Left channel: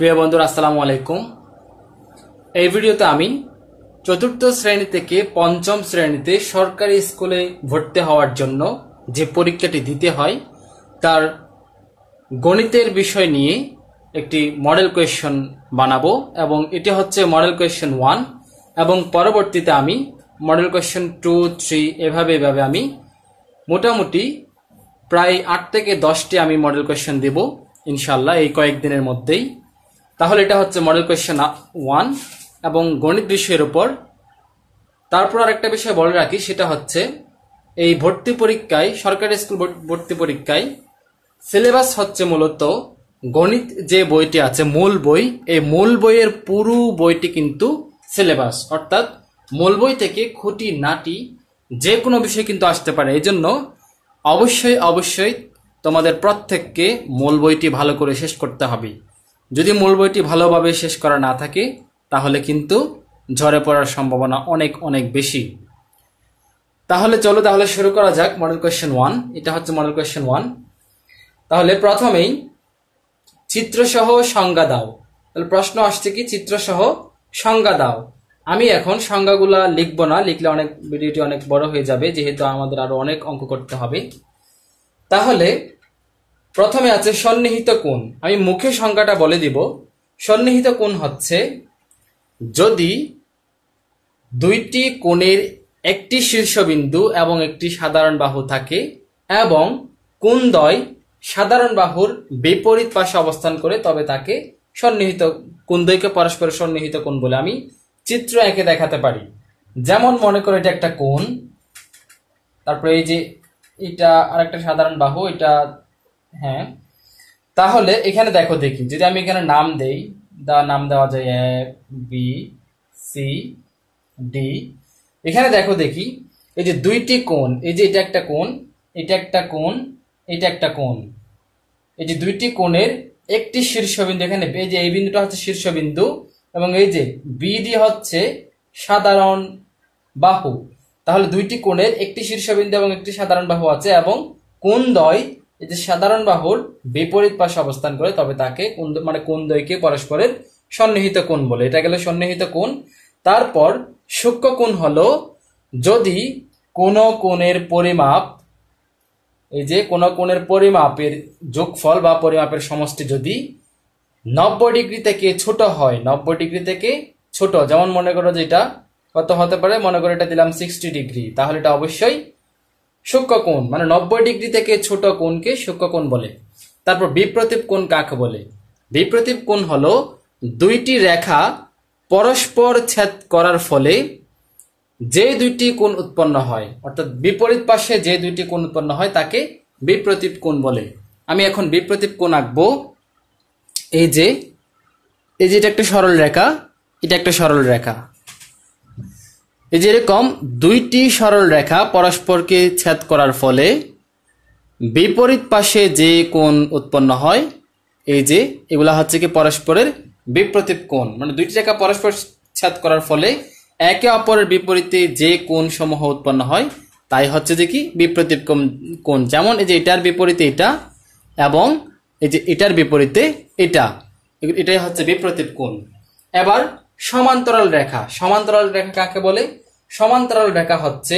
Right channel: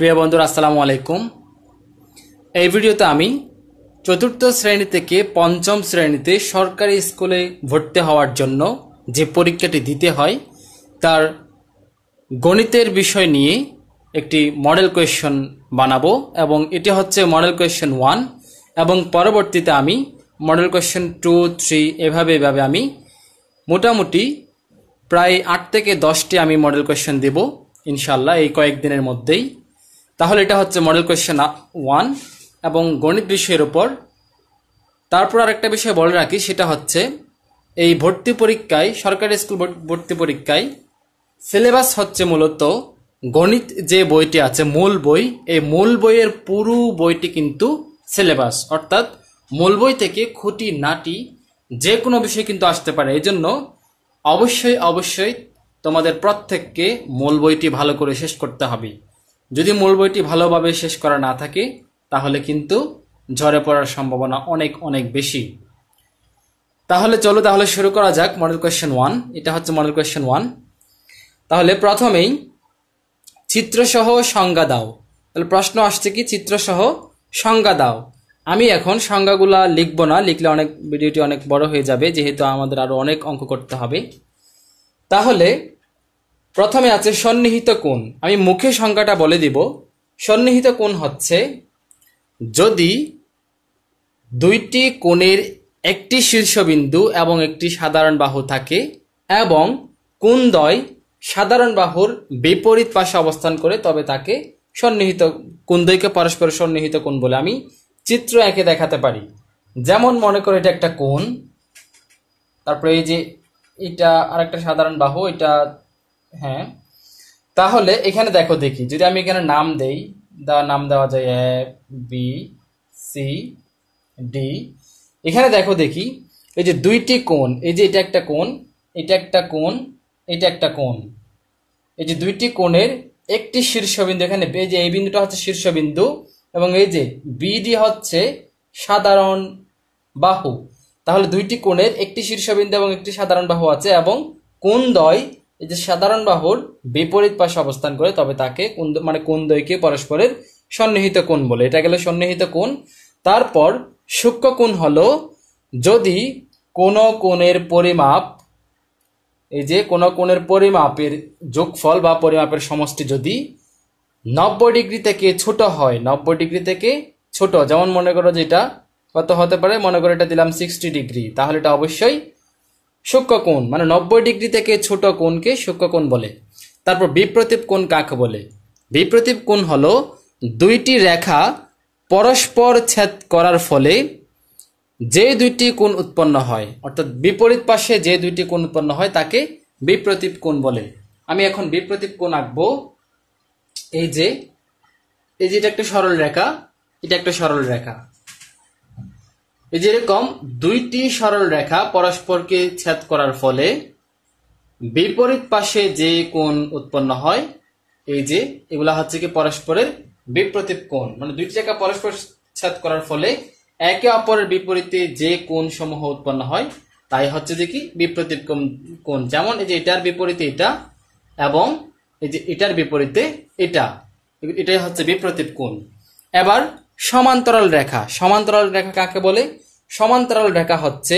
প্রিয় বন্ধুরা আসসালামু আলাইকুম। এই ভিডিওতে আমি চতুর্থ শ্রেণী থেকে পঞ্চম শ্রেণীতে সরকারি স্কুলে ভর্তি হওয়ার জন্য যে পরীক্ষাটি দিতে হয় তার গণিতের বিষয় নিয়ে একটি মডেল কোয়েশ্চন বানাবো এবং এটি হচ্ছে মডেল কোয়েশ্চন 1 এবং পরবর্তীতে আমি মডেল কোয়েশ্চন 2, 3 এভাবে আমি মোটামুটি প্রায় 8 থেকে 10টি আমি মডেল কোয়েশ্চন দেব ইনশাআল্লাহ এই কয়েকদিনের মধ্যেই। তাহলে এটা হচ্ছে মডেল কোয়েশ্চন 1 এবং গণিত বিষয়ের উপর। তারপর আরেকটা বিষয় বলে রাখি, সেটা হচ্ছে এই ভর্তি পরীক্ষায়, সরকারি স্কুল ভর্তি পরীক্ষায় সিলেবাস হচ্ছে মূলত গণিত যে বইটি আছে মূল বই, এই মূল বইয়ের পুরো বইটি কিন্তু সিলেবাস, অর্থাৎ মূল বই থেকে খুঁটি নাটি যে কোনো বিষয় কিন্তু আসতে পারে। এই জন্য অবশ্যই তোমাদের প্রত্যেককে মূল বইটি ভালো করে শেষ করতে হবে। যদি মূল বইটি ভালোভাবে শেষ করা না থাকে তাহলে কিন্তু ঝরে পড়ার সম্ভাবনা অনেক বেশি। তাহলে চলো শুরু করা যাক মডেল কোয়েশ্চেন 1। এটা হচ্ছে মডেল কোয়েশ্চেন 1। তাহলে প্রথমেই চিত্রসহ সংজ্ঞা দাও। তাহলে প্রশ্ন আসছে কি, চিত্রসহ সংজ্ঞা দাও। আমি এখন সংজ্ঞাগুলা লিখবো না, লিখলে ভিডিওটি অনেক বড় হয়ে যাবে, যেহেতু আমাদের আরো অনেক অঙ্ক করতে হবে। তাহলে প্রথমে আছে সন্নিহিত কোণ। আমি মুখে সংজ্ঞাটা বলে দিব। সন্নিহিত কোণ হচ্ছে যদি দুইটি কোণের একটি শীর্ষবিন্দু এবং একটি সাধারণ বাহু থাকে এবং কোণদ্বয় সাধারণ বাহুর বিপরীত পাশে অবস্থান করে, তবে তাকে সন্নিহিত, কোণদ্বয়কে পরস্পর সন্নিহিত কোণ বলে আমি চিত্র এঁকে দেখাতে পারি। যেমন মনে করো এটা একটা কোণ, তারপরে এই যে এটা আরেকটা সাধারণ বাহু, এটা হ্যাঁ। তাহলে এখানে দেখো, দেখি যদি আমি এখানে নাম দেই, নাম দেওয়া যায় এ বি সি ডি। এখানে দেখো, দেখি এই যে দুইটি কোণ, এই যে এটা একটা কোণ, এটা একটা কোণ, এটা একটা কোণ। এই যে দুইটি কোণের একটি শীর্ষবিন্দু, এখানে এই যে এই বিন্দুটা হচ্ছে শীর্ষবিন্দু এবং এই যে বিডি হচ্ছে সাধারণ বাহু। তাহলে দুইটি কোণের একটি শীর্ষবিন্দু এবং একটি সাধারণ বাহু আছে এবং কোণদ্বয় এই যে সাধারণ বাহুর বিপরীত পাশে অবস্থান করে, তবে তাকে কোণদ্বয়কে পরস্পরের সন্নিহিত কোণ বলে। এটা গেল সন্নিহিত কোণ। তারপর সূক্ষ্ম কোণ হলো যদি কোন কোণের পরিমাপ, এই যে কোন কোণের পরিমাপের যোগফল বা পরিমাপের সমষ্টি যদি 90 ডিগ্রি থেকে ছোট হয়, 90 ডিগ্রি থেকে ছোট, যেমন মনে করো যে এটা কত হতে পারে, মনে করো এটা দিলাম 60 ডিগ্রি, তাহলে এটা অবশ্যই সূক্ষ্ম কোণ, মানে 90 ডিগ্রি থেকে ছোট কোণকে সূক্ষ্ম কোণ বলে। তারপর বিপ্রতীপ কোণ কাকে বলে? বিপ্রতীপ কোণ হলো দুইটি রেখা পরস্পর ছেদ করার ফলে যে দুইটি কোণ উৎপন্ন হয়, অর্থাৎ বিপরীত পাশে যে দুইটি কোণ উৎপন্ন হয় তাকে বিপ্রতীপ কোণ বলে। আমি এখন বিপ্রতীপ কোণ আঁকবো। এই যে এটা একটা সরল রেখা, এটা একটা সরল রেখা। এই যে এরকম দুইটি সরল রেখা পরস্পরকে ছেদ করার ফলে বিপরীত পাশে যে কোণ উৎপন্ন হয়, এই যে এগুলা হচ্ছে কি পরস্পরের বিপ্রতীপ কোণ। মানে দুইটি রেখা পরস্পর ছেদ করার ফলে একে অপরের বিপরীতে যে কোণ সমূহ উৎপন্ন হয় তাই হচ্ছে যে কি বিপ্রতীপ কোণ। যেমন এই যে এটার বিপরীতে এটা এবং এই যে এটার বিপরীতে এটা, এটাই হচ্ছে বিপ্রতীপ কোণ। এবার সমান্তরাল রেখা। সমান্তরাল রেখা কাকে বলে? সমান্তরাল রেখা হচ্ছে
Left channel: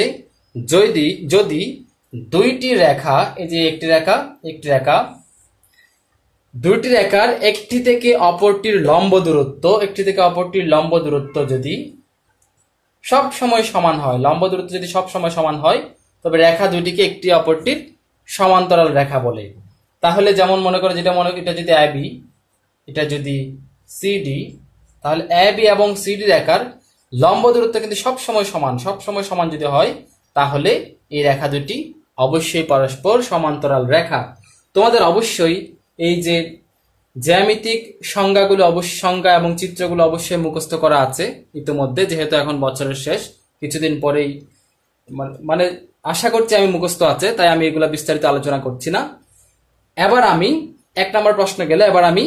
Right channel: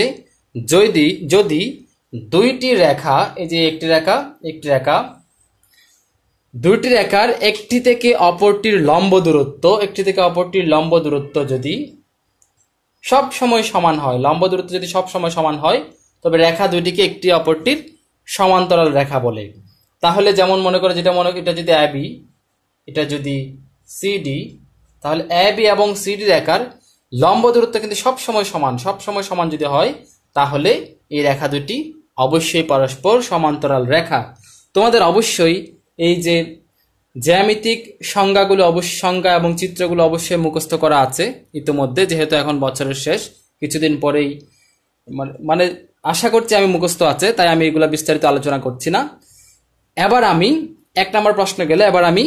যদি দুইটি রেখা, এই যে একটি রেখা একটি রেখা, দুইটি রেখার একটি থেকে অপরটির লম্ব দূরত্ব যদি সব সময় সমান হয়, লম্ব দূরত্ব যদি সব সময় সমান হয়, তবে রেখা দুইটিকে একটি অপরটির সমান্তরাল রেখা বলে। তাহলে যেমন মনে করো এটা যদি এবি, এটা যদি সিডি, তাহলে এবি এবং সিডি রেখার লম্ব দূরত্ব কিন্তু সব সময় সমান যদি হয়, তাহলে এই রেখা দুটি অবশ্যই পরস্পর সমান্তরাল রেখা। তোমাদের অবশ্যই এই যে জ্যামিতিক সংজ্ঞা এবং চিত্রগুলো অবশ্যই মুখস্থ করা আছে ইতিমধ্যে, যেহেতু এখন বছরের শেষ, কিছুদিন পরেই, মানে আশা করছি আমি মুখস্থ আছে, তাই আমি এগুলা বিস্তারিত আলোচনা করছি না। এবার আমি 1 নম্বর প্রশ্ন গেলে এবার আমি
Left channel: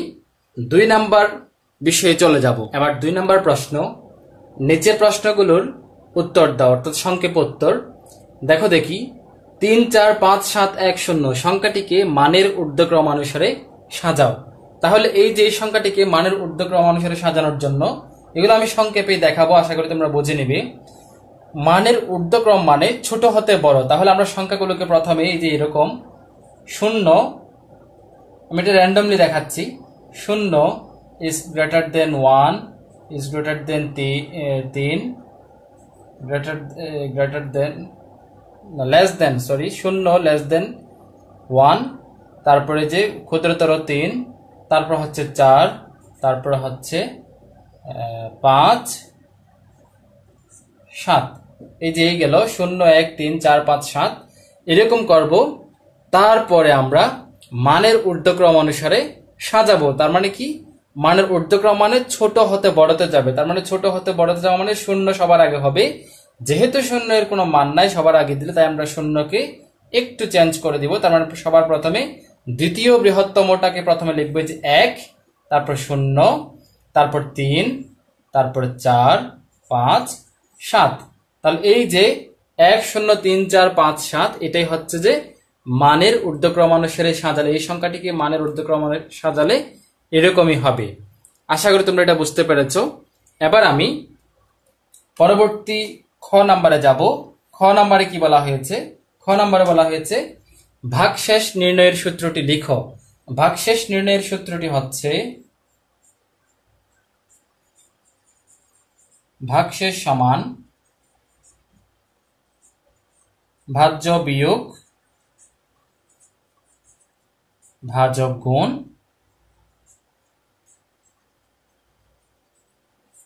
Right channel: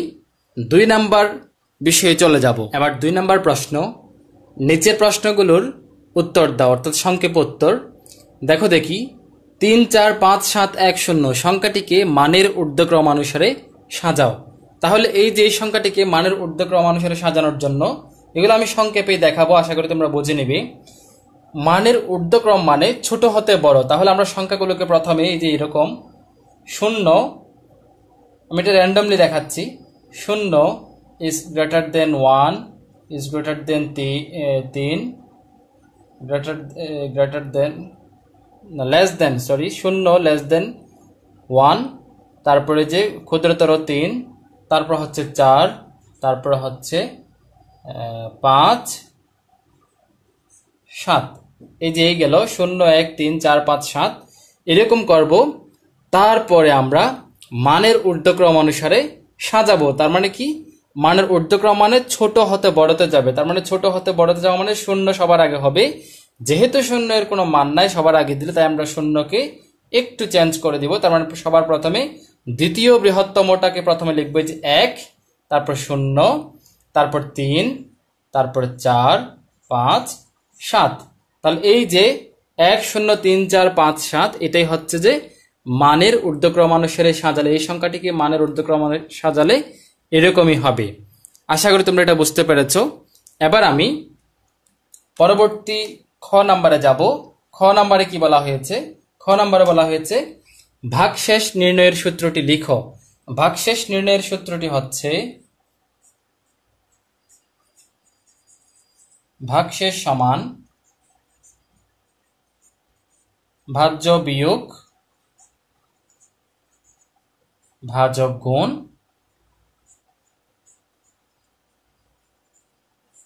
2 নম্বর বিষয়ে চলে যাব। এবার 2 নম্বর প্রশ্ন, নিচের প্রশ্নগুলোর উত্তর দাও, অর্থাৎ সংক্ষেপ উত্তর। দেখো, দেখি 3, 4, 5, 7, 1, 0 সংখ্যাটিকে মানের ঊর্ধ্বক্রমানুসারে সাজাও। তাহলে এই যে এই সংখ্যাটিকে মানের ঊর্ধ্বক্রম অনুসারে সাজানোর জন্য এগুলো আমি সংক্ষেপে দেখাবো, আশা করি তোমরা বুঝে নিবে। মানের ঊর্ধ্বক্রম মানে ছোট হতে বড়। তাহলে আমরা সংখ্যাগুলোকে প্রথমে এই যে এরকম 0, আমি এটা র্যান্ডমলি দেখাচ্ছি, 0 is greater than 1 is greater than 3 greater than less than 0 less than 1, তারপরে যে ক্ষুদ্রতর 3, তারপর হচ্ছে 4, তারপরে হচ্ছে 5, 7। এই যে গেল 0 1 3 4 5 7 এরকম করব। তারপরে আমরা মানের ঊর্ধ্বক্রম অনুসারে সাজাবো। তার মানে কি, মানের ঊর্ধ্বক্রম মানে ছোট হতে বড়তে যাবে। তার মানে ছোট হতে বড়তে যাওয়া মানে 0 সবার আগে হবে। যেহেতু 0 এর কোনো মান নাই সবার আগে দিলে, তাই আমরা 0কে একটু চেঞ্জ করে দিব। তার মানে সবার প্রথমে দ্বিতীয় বৃহত্তমটাকে প্রথমে লিখবো যে 1, তারপর 0, তারপর 3, তারপর 4 5 7। তাহলে এই যে 1 0 3 4 5 7 এটাই হচ্ছে যে মানের ঊর্ধ্বক্রম অনুসারে সাজালে, এই সংখ্যাটিকে মানের ঊর্ধ্বক্রম সাজালে এরকমই হবে। আশা করি তোমরা এটা বুঝতে পেরেছো। এবার আমি পরবর্তী খ নাম্বারে যাব। খ নাম্বারে কি বলা হয়েছে? খ নাম্বারে বলা হয়েছে ভাগশেষ নির্ণয়ের সূত্রটি লিখো। ভাগশেষ নির্ণয়ের সূত্রটি হচ্ছে ভাগশেষ সমান ভাজ্য বিয়োগ ভাজক গুণ,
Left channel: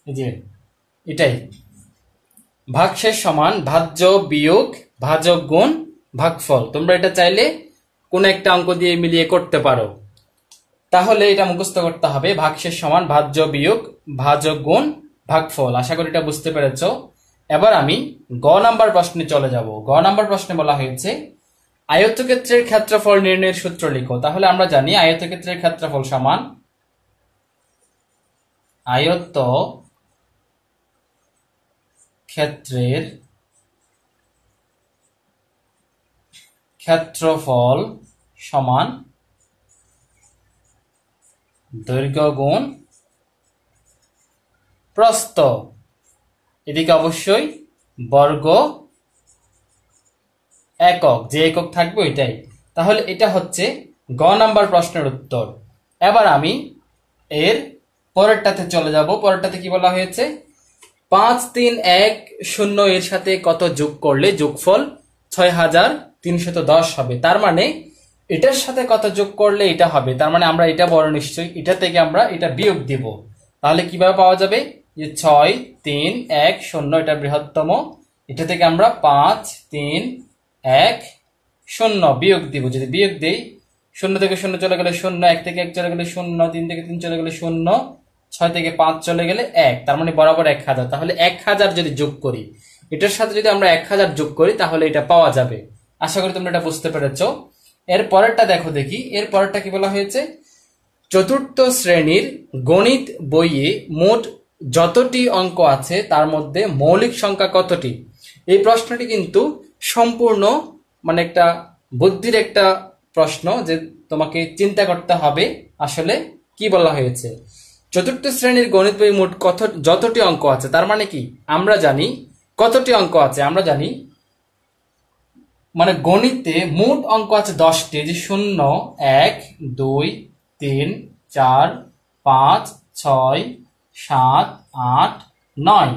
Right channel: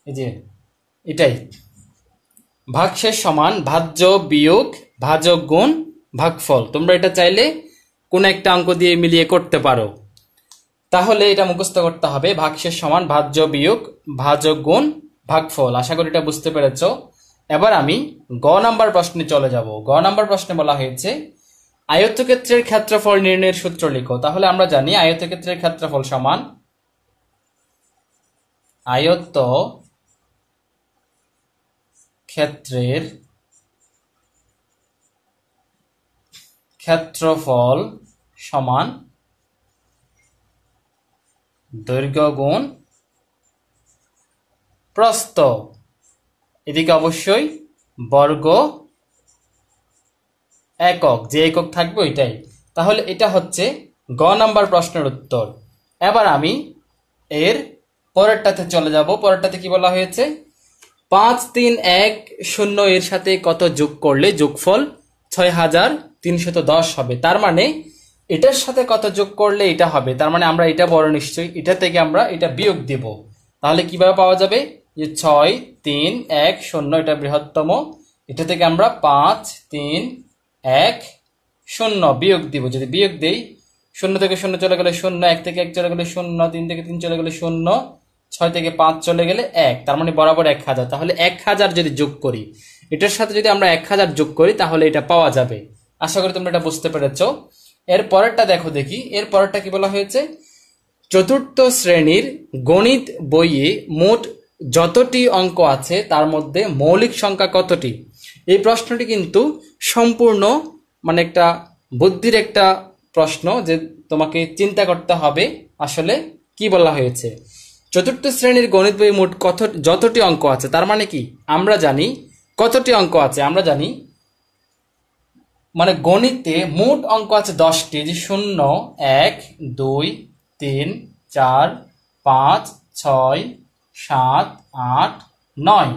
এই যে এটাই ভাগশেষ সমান ভাজ্য বিয়োগ ভাজক গুণ ভাগফল। তোমরা এটা চাইলে কোন একটা অঙ্ক দিয়ে মিলিয়ে করতে পারো। তাহলে এটা মুখস্থ করতে হবে, ভাগশেষ সমান ভাজ্য বিয়োগ ভাজক গুণ ভাগফল। আশা করি এটা বুঝতে পেরেছ। এবার আমি গ নাম্বার প্রশ্নে চলে যাব। গ নাম্বার প্রশ্নে বলা হয়েছে আয়তক্ষেত্রের ক্ষেত্রফল নির্ণয়ের সূত্র লিখো। তাহলে আমরা জানি আয়তক্ষেত্রের ক্ষেত্রফল সমান আয়ত ক্ষেত্রের ক্ষেত্রফল সমান দৈর্ঘ্য গুণ প্রস্থ। এদিকে অবশ্যই বর্গ একক, যে একক থাকবে এটাই। তাহলে এটা হচ্ছে গ নাম্বার প্রশ্নের উত্তর। এবার আমি এর পরেরটাতে চলে যাব। পরেরটাতে কি বলা হয়েছে 5 3 1 0 এর সাথে কত যোগ করলে যোগফল 6310 হবে। তার মানে এটার সাথে কত যোগ করলে এটা হবে। তার মানে আমরা এটা বড় নিশ্চয়ই, এটা থেকে আমরা এটা বিয়োগ দিব। তাহলে কিভাবে পাওয়া যাবে যে 6 3 1 0 এটা বৃহত্তম, এটা থেকে আমরা 5 3 1 0 বিয়োগ দিব। যদি বিয়োগ দেই 0 থেকে 0 চলে গেলে 0, 1 থেকে 1 চলে গেলে 0, 3 থেকে 3 চলে গেলে 0, 6 থেকে 5 চলে গেলে 1, তার মানে বরাবর 1000। তাহলে 1000 যদি যোগ করি, এটার সাথে যদি আমরা 1000 যোগ করি তাহলে এটা পাওয়া যাবে। আশা করি তোমরা এটা বুঝতে পেরেছো। এর পরেরটা দেখো দেখি, এর পরেরটা কি বলা হয়েছে চতুর্থ শ্রেণীর গণিত বইয়ে মোট যতটি অঙ্ক আছে তার মধ্যে মৌলিক সংখ্যা কতটি। এই প্রশ্নটি কিন্তু সম্পূর্ণ মানে একটা বুদ্ধির একটা প্রশ্ন, যে তোমাকে চিন্তা করতে হবে আসলে কি বলা হয়েছে। চতুর্থ শ্রেণীর গণিত বই মোট যতটি অঙ্ক আছে, তার মানে কি আমরা জানি কতটি অঙ্ক আছে, আমরা জানি মানে গণিতে মোট অঙ্ক আছে 10টি। যে 0 1 2 3 4 5 6 7 8 9,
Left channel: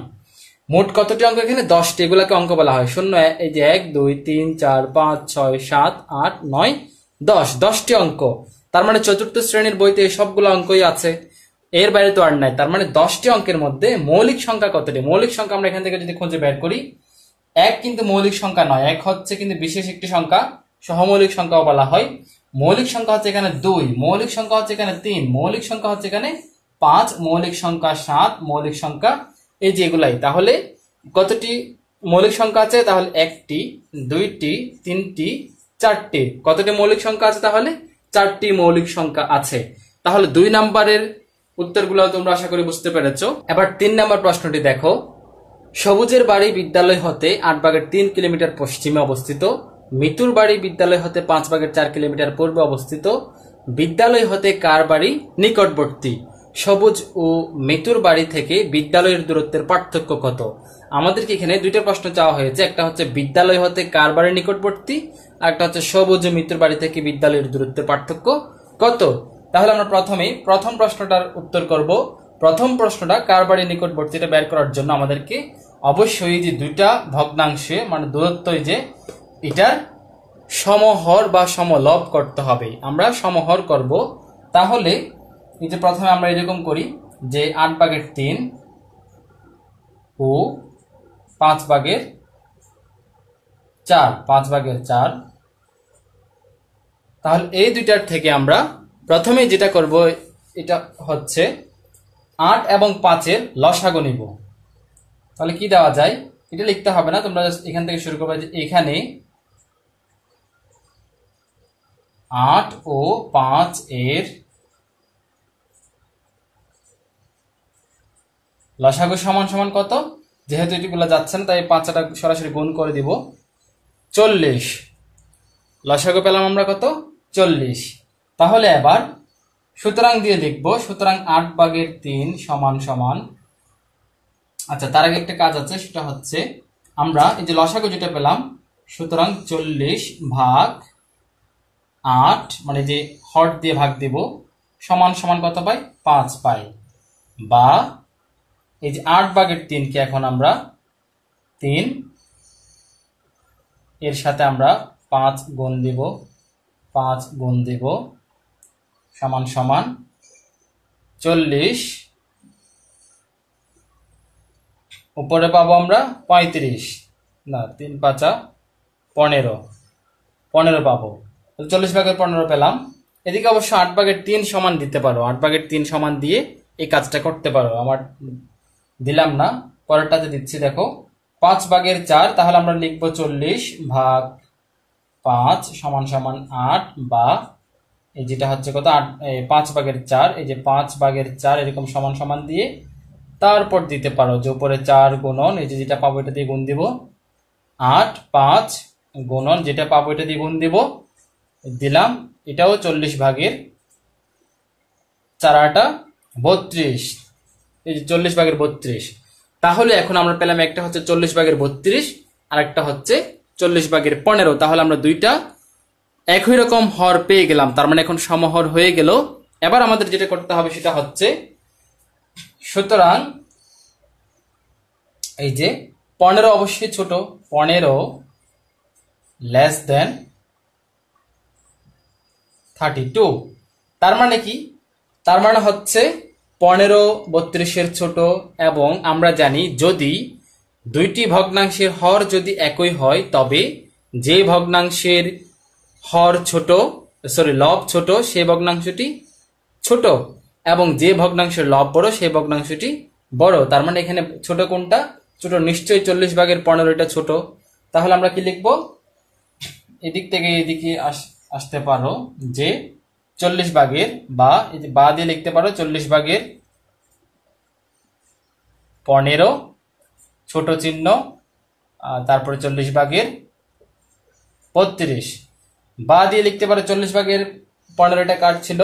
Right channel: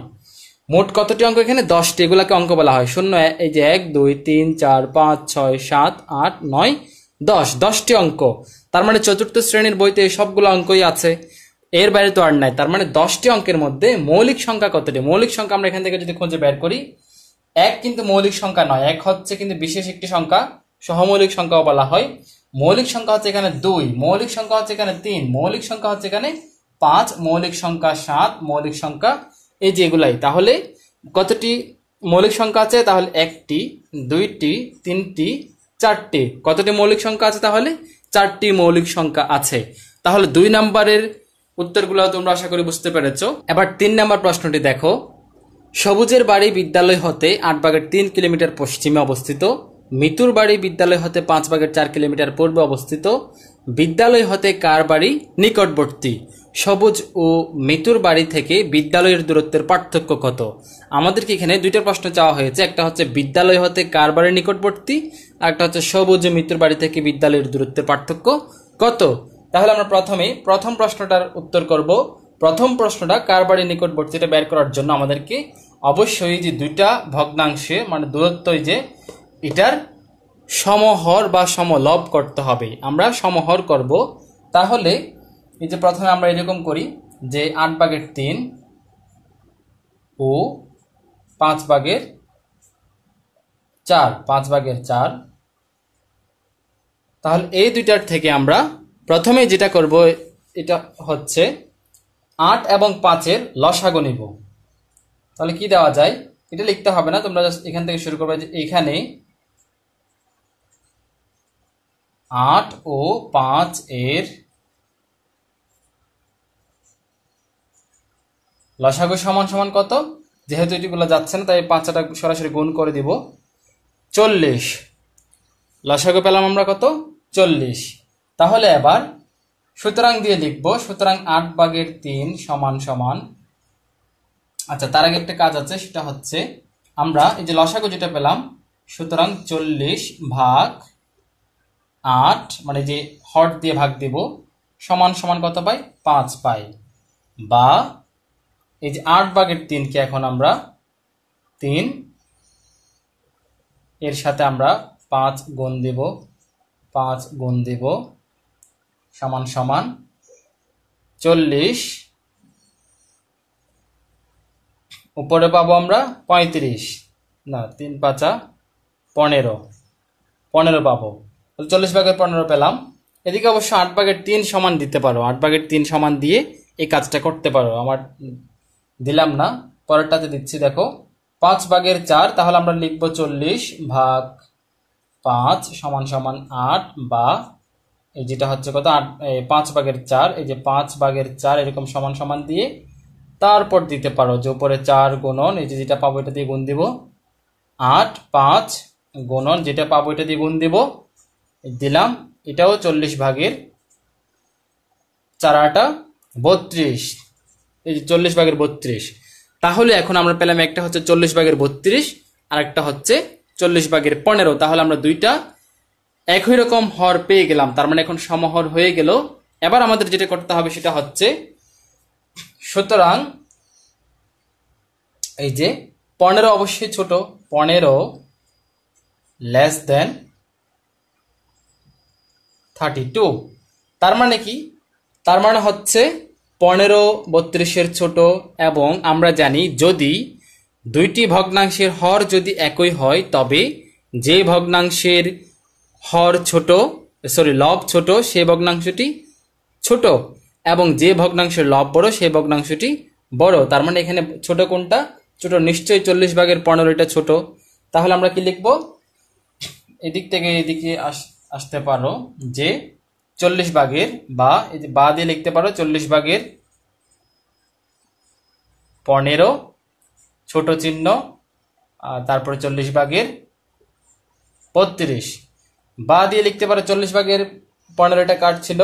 মোট কতটি অঙ্ক এখানে 10টি। এগুলাকে অঙ্ক বলা হয়। 0 এই যে 1 2 3 4 5 6 7 8 9 10, 10টি অঙ্ক। তার মানে চতুর্থ শ্রেণীর বইতে সবগুলো অঙ্কই আছে, এর বাইরে তো আর নাই। তার মানে 10টি অঙ্কের মধ্যে মৌলিক সংখ্যা কতটি। মৌলিক সংখ্যা আমরা এখান থেকে যদি খুঁজে বের করি, 1 কিন্তু মৌলিক সংখ্যা নয়, 1 হচ্ছে কিন্তু বিশেষ একটি সংখ্যা, সহমৌলিক সংখ্যাও বলা হয়। মৌলিক সংখ্যা হচ্ছে এখানে 2, মৌলিক সংখ্যা হচ্ছে এখানে 3, মৌলিক সংখ্যা হচ্ছে এখানে 5, মৌলিক সংখ্যা 7, মৌলিক সংখ্যা এই যে এগুলাই। তাহলে কতটি মৌলিক সংখ্যা আছে? তাহলে 1টি 2টি 3টি 4টি। কতটি মৌলিক সংখ্যা আছে? তাহলে 4টি মৌলিক সংখ্যা আছে। তাহলে 2 নম্বরের উত্তরগুলো তোমরা আশা করি বুঝতে পেরেছো। এবার 3 নম্বর প্রশ্নটি দেখো। সবুজের বাড়ি বিদ্যালয় হতে 8/3 কিলোমিটার পশ্চিমে অবস্থিত, মিতুর বাড়ি বিদ্যালয় হতে 5/4 কিলোমিটার পূর্বে অবস্থিত, বিদ্যালয় হতে কার বাড়ি নিকটবর্তী? সবুজ ও মিতুর বাড়ি থেকে বিদ্যালয়ের দূরত্বের পার্থক্য কত? আমাদেরকে এখানে দুইটা প্রশ্ন চাওয়া হয়েছে, একটা হচ্ছে বিদ্যালয় হতে কার বাড়ি নিকটবর্তী, আর একটা হচ্ছে সবুজ ও মিতুর বাড়ি থেকে বিদ্যালয়ের দূরত্বের পার্থক্য কত। তাহলে আমরা প্রথমে প্রথম প্রশ্নটার উত্তর করব। প্রথম প্রশ্নটা কার বাড়ি নিকটবর্তী, এটা বের করার জন্য আমাদেরকে অবশ্যই যে দুইটা ভগ্নাংশে মানে দূরত্ব যে এটার সমহর বা সমলব করতে হবে। আমরা সমহর করব। তাহলে এই যে প্রথমে আমরা এরকম করি যে 8/3 ও 5/4, 5/4। তাহলে এই দুইটার থেকে আমরা প্রথমে যেটা করব এটা হচ্ছে 8 এবং 5-এর লসাগু নিব। তাহলে কি দেওয়া যায়, এটা লিখতে হবে না, তোমরা এখান থেকে শুরু করবে যে এখানে 8 ও 5 এর লসাগু সমান সমান কত? যেহেতু এটি বলা যাচ্ছে না তাই 5টা সরাসরি গুণ করে দিব, 40। লসাগু পেলাম আমরা কত? 40। তাহলে এবার সুতরাং দিয়ে লিখব, সুতরাং 8/3 সমান সমান, আচ্ছা তার আগে একটা কাজ আছে, সেটা হচ্ছে আমরা এই যে লসাগু যেটা পেলাম, সুতরাং 40/8 মানে যে হর দিয়ে ভাগ দেব সমান সমান কত পাই? 5 পাই। বা এই যে 8/3 কে এখন আমরা 3 এর সাথে আমরা 5 গুণ দেব, 5 গুণ দেব সমান সমান 40। উপরে পাবো আমরা 35, না 3×5 = 15 পাবো। 40/15 পেলাম। এদিকে অবশ্য 8/3 সমান দিতে পারো, 8/3 সমান দিয়ে এই কাজটা করতে পারো, আমার দিলাম না, পরেরটাতে দিচ্ছি। দেখো 5/4, তাহলে আমরা লিখবো 40/5 সমান সমান 8, বা এই যেটা হচ্ছে কত 5/4, এই যে 5/4 এরকম সমান সমান দিয়ে তারপর দিতে পারো যে উপরে 4 গুণন এই যে যেটা পাবো এটা দিয়ে গুণ দিব, 8 5 গুণন যেটা পাবো এটা দিয়ে গুণ দিব, দিলাম। এটাও 40/4, 8 32, এই যে 40/32। তাহলে এখন আমরা পেলাম একটা হচ্ছে 40/32 আর একটা হচ্ছে 40/15। তাহলে আমরা দুইটা একই রকম হর পেয়ে গেলাম, তার মানে এখন সমহর হয়ে গেল। এবার আমাদের যেটা করতে হবে সেটা হচ্ছে, সুতরাং এই যে 15 অবশ্যই ছোট, 15 < 32। তার মানে কি? তার মানে হচ্ছে 15 32-এর ছোট, এবং আমরা জানি যদি দুইটি ভগ্নাংশের হর যদি একই হয় তবে যে ভগ্নাংশের হর ছোট লব ছোট সেই ভগ্নাংশটি ছোট, এবং যে ভগ্নাংশের লব বড় সেই ভগ্নাংশটি বড়। তার মানে এখানে ছোট কোনটা? ছোট নিশ্চয়ই 40/15 ছোট। তাহলে আমরা কি লিখব? এদিক থেকে এদিকে আসতে পারো যে 40 বা এই যে বা দিয়ে লিখতে পারো 40/15 ছোট চিহ্ন, তারপরে 40/32 বা দিয়ে লিখতে পারো 40/15 কার ছিল?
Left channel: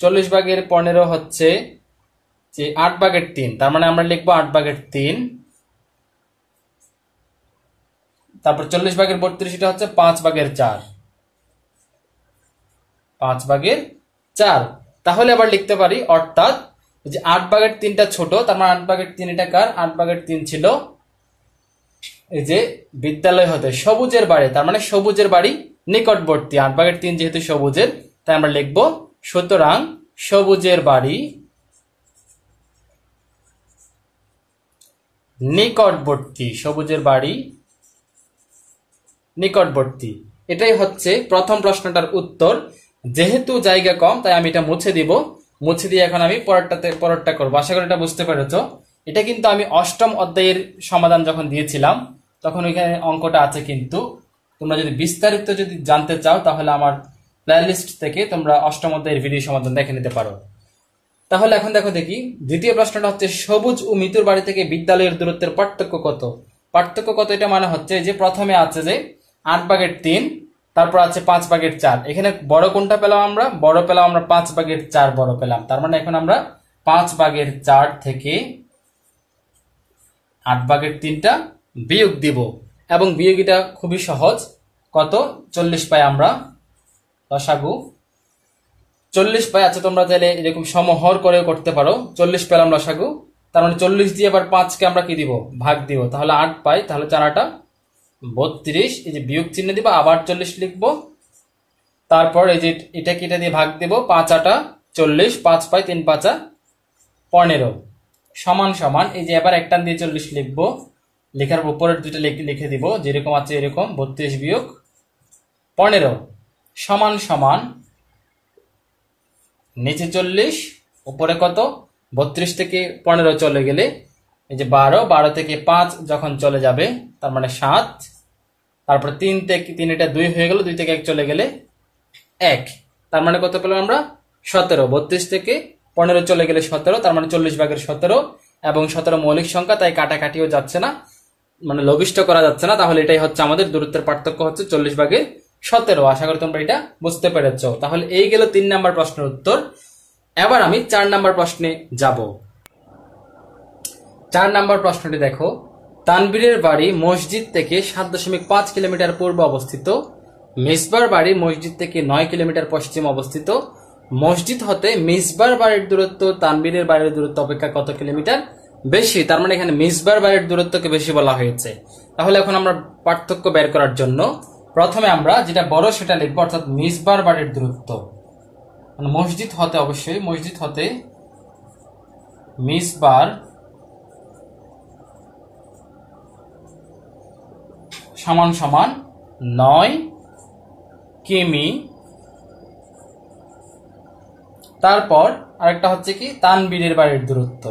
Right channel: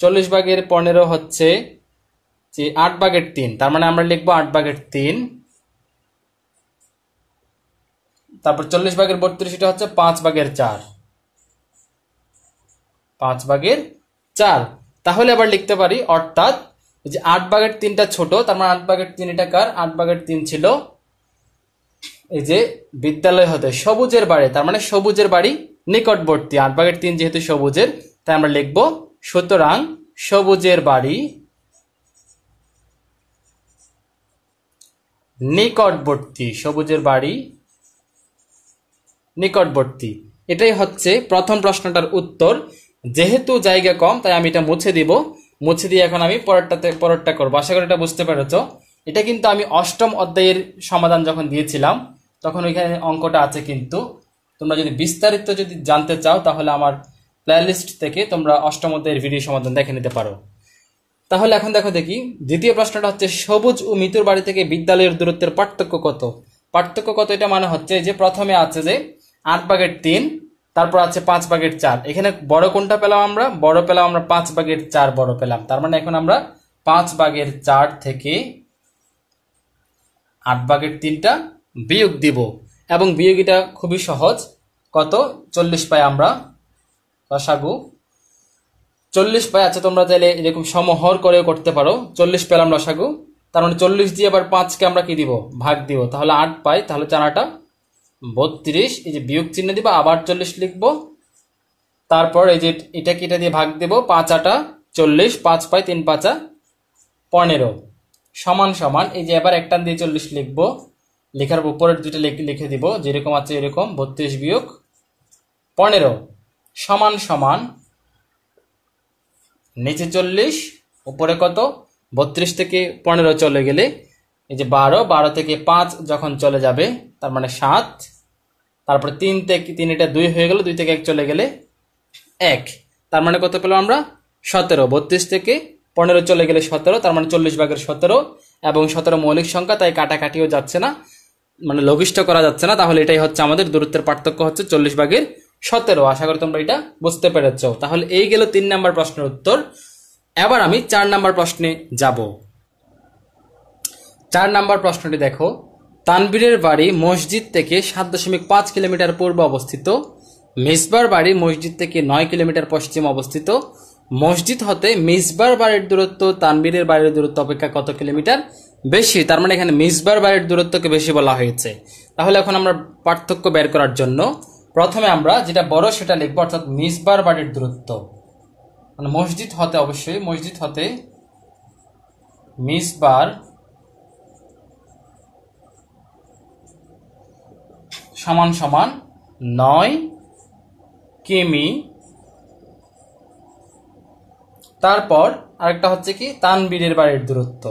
40/15 হচ্ছে যে 8/3, তার মানে আমরা লিখবো 8/3। তারপর 40/32 এটা হচ্ছে 5/4, 5/4। তাহলে এবার লিখতে পারি, অর্থাৎ যে 8/3টা ছোট, তার মানে 8/3 এটা কার? 8/3 ছিল এই যে বিদ্যালয় হতে সবুজের বাড়ি, তার মানে সবুজের বাড়ি নিকটবর্তী। 8/3 যেহেতু সবুজের, তাই আমরা লিখবো সুতরাং সবুজের বাড়ি নিকটবর্তী, সবুজের বাড়ি নিকটবর্তী। এটাই হচ্ছে প্রথম প্রশ্নটার উত্তর। যেহেতু জায়গা কম তাই আমি এটা মুছে দিব, মুছে দিয়ে এখন আমি পরেরটা করবো। আশা করি এটা বুঝতে পেরেছ। এটা কিন্তু আমি 8ম অধ্যায়ের সমাধান যখন দিয়েছিলাম তখন ওইখানে অঙ্কটা আছে, কিন্তু তোমরা যদি বিস্তারিত যদি জানতে চাও তাহলে আমার প্লেলিস্ট থেকে তোমরা 8ম অধ্যায়ের ভিডিও সমাধান দেখে নিতে পারো। তাহলে এখন দেখি দ্বিতীয় প্রশ্নটা হচ্ছে, সবুজ ও মিতুর বাড়ি থেকে বিদ্যালয়ের দূরত্বের পার্থক্য কত? পার্থক্য কত এটা মানে হচ্ছে যে প্রথমে আছে যে 8/3 তারপর আছে 5/4। এখানে বড় কোনটা পেলাম আমরা? বড় পেলাম আমরা 5/4 বড় পেলাম। তার মানে এখন আমরা 5/4 থেকে 8/3টা বিয়োগ দিব, এবং বিয়োগ এটা খুবই সহজ। কত? 40 পাই আমরা লসাগু 40 পাই। আচ্ছা, তোমরা চাইলে এরকম সমহর করে করতে পারো। 40 পেলাম লসাগু, তার মানে 40 দিয়ে আবার 5কে আমরা কি দিব? ভাগ দিব। তাহলে 8 পাই। তাহলে 4 32। এই যে বিয়োগ চিহ্ন দিব, আবার 40 লিখবো। তারপর এই যে এটাকে এটা দিয়ে ভাগ দেব, 5 40, 5 পাই, 3 5 15 সমান সমান এই যে এবার একটা দিয়ে 40 লিখবো। লেখার উপরের দুটো লিখে দিব যেরকম আছে এরকম, 32 বিয়োগ 15 সমান সমান নিচে 40 উপরে কত? 32 থেকে 15 চলে গেলে এই যে 12 থেকে 5 যখন চলে যাবে তার মানে 7। তারপরে 3 থেকে 3 এটা 2 হয়ে গেল, 2 থেকে 1 চলে গেলে 1। তার মানে কত পেলাম আমরা? 17। 32 থেকে 15 চলে গেলে 17, তার মানে 40/17। এবং 17 মৌলিক সংখ্যা, তাই কাটাকাটিও যাচ্ছে না, মানে লঘিষ্ঠ করা যাচ্ছে না। তাহলে এটাই হচ্ছে আমাদের দূরত্বের পার্থক্য, হচ্ছে 40/17। আশা করি তোমরা এটা বুঝতে পেরেছো। তাহলে এই গেল 3 নাম্বার প্রশ্নের উত্তর। এবার আমি 4 নাম্বার প্রশ্নে যাব। 4 নাম্বার প্রশ্নটি দেখো, তানবীরের বাড়ি মসজিদ থেকে 7.5 কিলোমিটার পূর্বে অবস্থিত, মিসবার বাড়ি মসজিদ থেকে 9 কিলোমিটার পশ্চিম অবস্থিত। মসজিদ হতে মিসবার বাড়ির দূরত্ব তানবীরের বাড়ির দূরত্ব অপেক্ষা কত কিলোমিটার বেশি? তার মানে এখানে মিসবার বাড়ির দূরত্বকে বেশি বলা হয়েছে। তাহলে এখন আমরা পার্থক্য বের করার জন্য প্রথমে আমরা যেটা বড় সেটা লিখবো, অর্থাৎ মিসবার বাড়ির দূরত্ব, মানে মসজিদ হতে, অবশ্যই মসজিদ হতে মিসবার সমান সমান 9 কিমি। তারপর আরেকটা হচ্ছে কি তানবীরের বাড়ির দূরত্ব,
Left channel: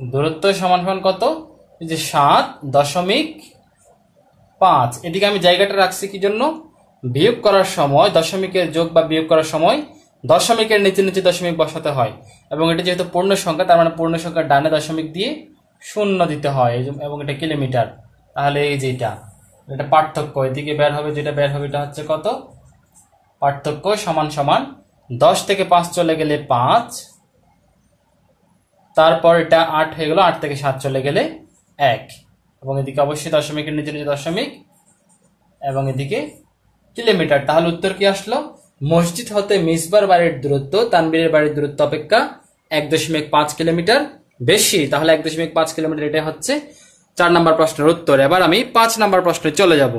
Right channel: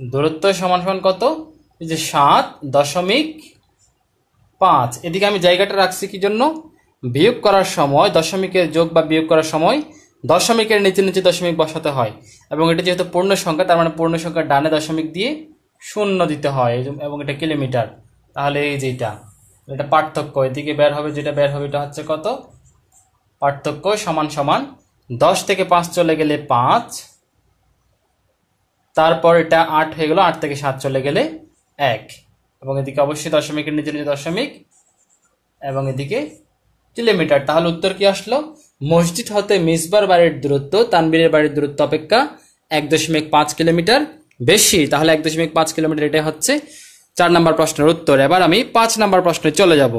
দূরত্ব সমান সমান কত? এই যে 7.5। এদিকে আমি জায়গাটা রাখছি কি জন্য? বিয়োগ করার সময় দশমিকের যোগ বা বিয়োগ করার সময় দশমিকের নিচে নিচে দশমিক বসাতে হয়, এবং এটা যেহেতু পূর্ণ সংখ্যা তার মানে পূর্ণ সংখ্যার ডানে দশমিক দিয়ে 0 দিতে হয়, এবং এটা কিলোমিটার। তাহলে এই যে এটা পার্থক্য, এদিকে বের হবে, যেটা বের হবে এটা হচ্ছে কত? পার্থক্য সমান সমান 10 থেকে 5 চলে গেলে 5, তারপর এটা 8 হয়ে গেল, 8 থেকে 7 চলে গেলে 1, এবং এদিকে অবশ্যই দশমিকের নিচে নিচে দশমিক, এবং এদিকে কিলোমিটার। তাহলে উত্তর কি আসলো? মসজিদ হতে মিসবার বাড়ির দূরত্ব তানবীরের বাড়ির দূরত্ব অপেক্ষা 1.5 কিলোমিটার বেশি। তাহলে 1.5 কিলোমিটার, এটা হচ্ছে 4 নাম্বার প্রশ্নের উত্তর। এবার আমি 5 নাম্বার প্রশ্নে চলে যাব।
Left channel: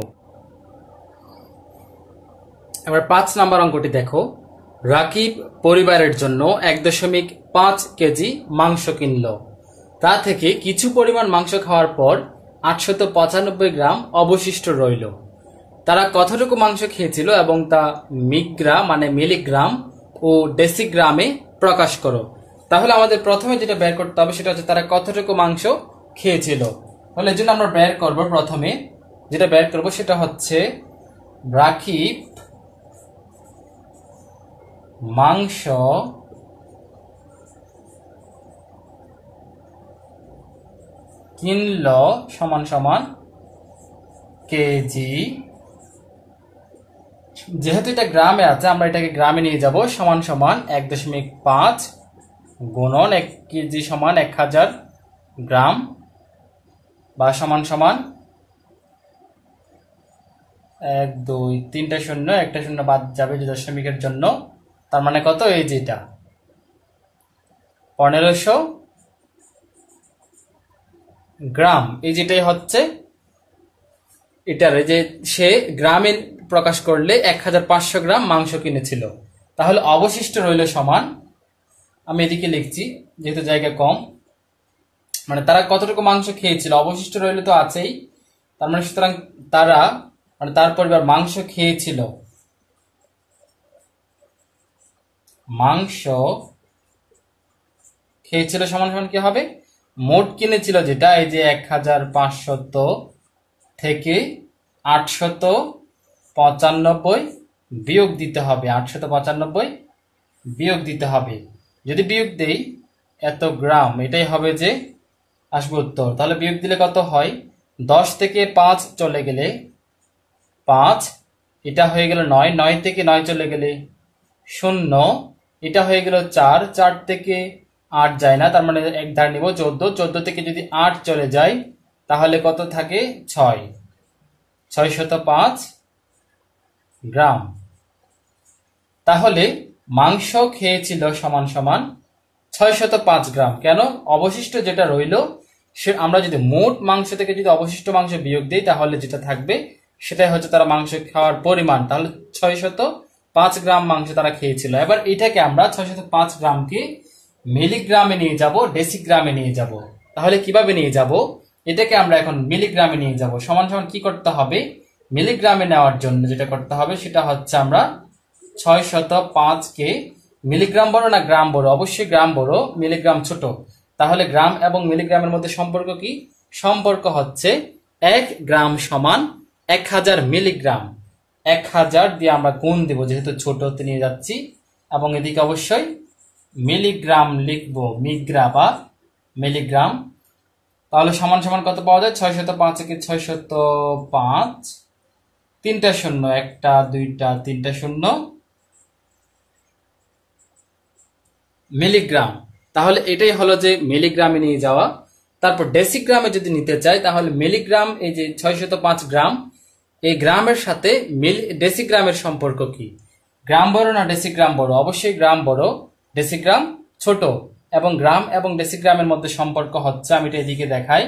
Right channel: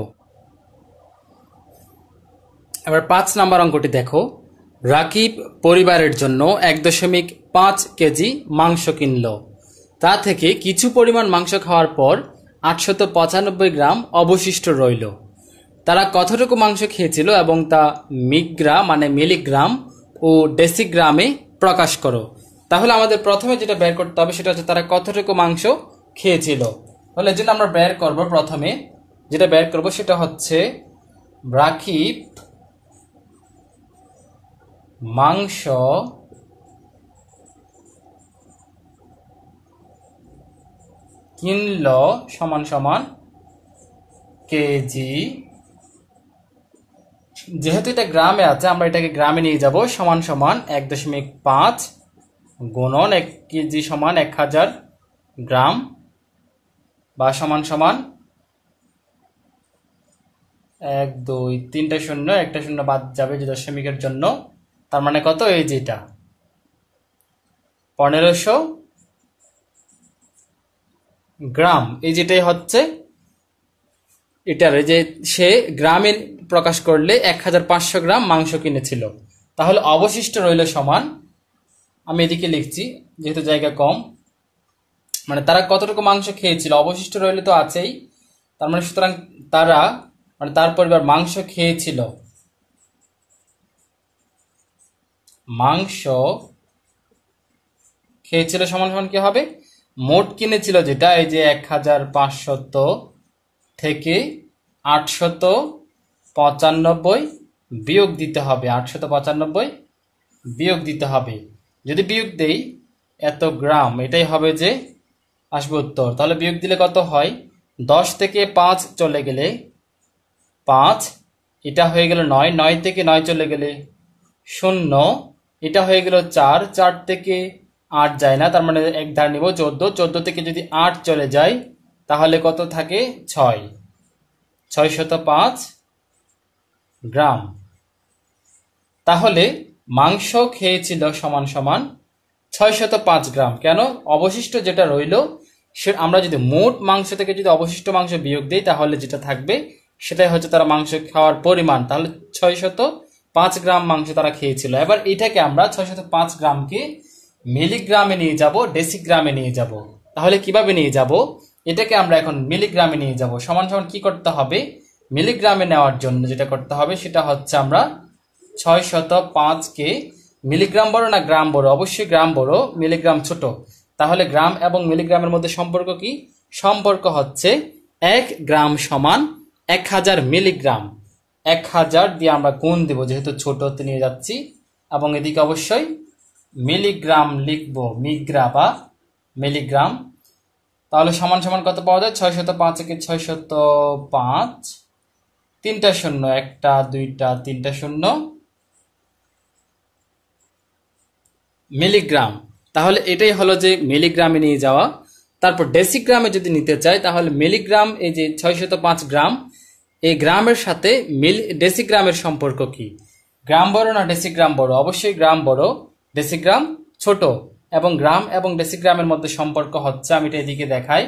এবার 5 নাম্বার অঙ্কটি দেখো, রাকিব পরিবারের জন্য 1.5 কেজি মাংস কিনল। তা থেকে কিছু পরিমাণ মাংস খাওয়ার পর 895 গ্রাম অবশিষ্ট রইল। তারা কতটুকু মাংস খেয়েছিল এবং তা মিগ্রা মানে মিলিগ্রাম ও ডেসিগ্রামে প্রকাশ করো। তাহলে আমাদের প্রথমে যেটা বের করতে হবে সেটা হচ্ছে তারা কতটুকু মাংস খেয়েছিল। তাহলে এই জন্য আমরা বের করব, প্রথমে যেটা বের করব সেটা হচ্ছে রাকিব মাংস কিনল সমান সমান কেজি। যেহেতু এটা গ্রামে আছে আমরা এটাকে গ্রামে নিয়ে যাব, সমান সমান 1.5 গুণন 1 কেজি সমান 1000 গ্রাম, বা সমান সমান 1 2 3টা শূন্য, একটা শূন্য বাদ যাবে যে দশমিকের জন্য, তার মানে কত? এই যেটা 1500 গ্রাম। এই যেটাই হচ্ছে এটার, যে সে গ্রামে প্রকাশ করলে 1500 গ্রাম মাংস কিনেছিল। তাহলে অবশিষ্ট রইল সমান, আমি এদিকে লিখছি যেহেতু জায়গা কম, মানে তারা কতটুকু মাংস খেয়েছিল, অবশিষ্ট রইল তো আছেই, তার মানে সুতরাং তারা মানে তার পরিবার মাংস খেয়েছিল, মাংস খেয়েছিল সমান সমান কি হবে? মোট কিনেছিল যেটা, এই যে 1500 থেকে 895 বিয়োগ দিতে হবে, 895 বিয়োগ দিতে হবে। যদি বিয়োগ দেই এত গ্রাম, এটাই হবে যে আসবে উত্তর। তাহলে বিয়োগ দিলে কত হয়, 10 থেকে 5 চলে গেলে 5, এটা হয়ে গেল 9, 9 থেকে 9 চলে গেলে 0, এটা হয়ে গেল 4, 4 থেকে 8 যায় না, তার মানে এক ধার নিব 14, 14 থেকে যদি 8 চলে যায় তাহলে কত থাকে, 6, 605 গ্রাম। তাহলে মাংস খেয়েছিল সমান সমান 605 গ্রাম। কেন, অবশিষ্ট যেটা রইল সে আমরা যদি মোট মাংস থেকে যদি অবশিষ্ট মাংস বিয়োগ দিই তাহলে যেটা থাকবে সেটাই হচ্ছে তারা মাংস খাওয়ার পরিমাণ। তাহলে 605 গ্রাম মাংস তারা খেয়েছিল। এবার এটাকে আমরা 605 গ্রামকে মিলিগ্রামে নিয়ে যাব, ডেসিগ্রামে নিয়ে যাব। তাহলে কিভাবে নিয়ে যাব, এটাকে আমরা এখন মিলিগ্রামে নিয়ে যাব। সমান সমান কি করতে হবে, মিলিগ্রামে নেওয়ার জন্য যেটা করতে হবে সেটা হচ্ছে আমরা 605 কে মিলিগ্রাম বড় না গ্রাম বড়, অবশ্যই গ্রাম বড়, মিলিগ্রাম ছোট। তাহলে গ্রাম এবং মিলিগ্রামের মধ্যে সম্পর্ক কি, সম্পর্ক হচ্ছে 1 গ্রাম সমান 1000 মিলিগ্রাম। 1000 দিয়ে আমরা গুণ দেব যেহেতু ছোটতে নিয়ে যাচ্ছি, এবং এদিকে অবশ্যই মিলিগ্রাম লিখবো, মিগ্রা বা মিলিগ্রাম। তাহলে সমান সমান কত পাওয়া যায়, 605 কে 605, 3টা শূন্য, 1টা 2টা 3টা শূন্য, মিলিগ্রাম। তাহলে এটাই হলো যে মিলিগ্রামে নিয়ে যাওয়া। তারপর ডেসিগ্রামে যদি নিতে চাই তাহলে মিলিগ্রাম, এই যে 605 গ্রাম, এই গ্রামের সাথে ডেসিগ্রামের সম্পর্ক কি, গ্রাম বড় না ডেসিগ্রাম বড়, অবশ্যই গ্রাম বড়, ডেসিগ্রাম ছোট। এবং গ্রাম এবং ডেসিগ্রামের মধ্যে সম্পর্ক হচ্ছে, আমি এটা এদিকে দেখাই,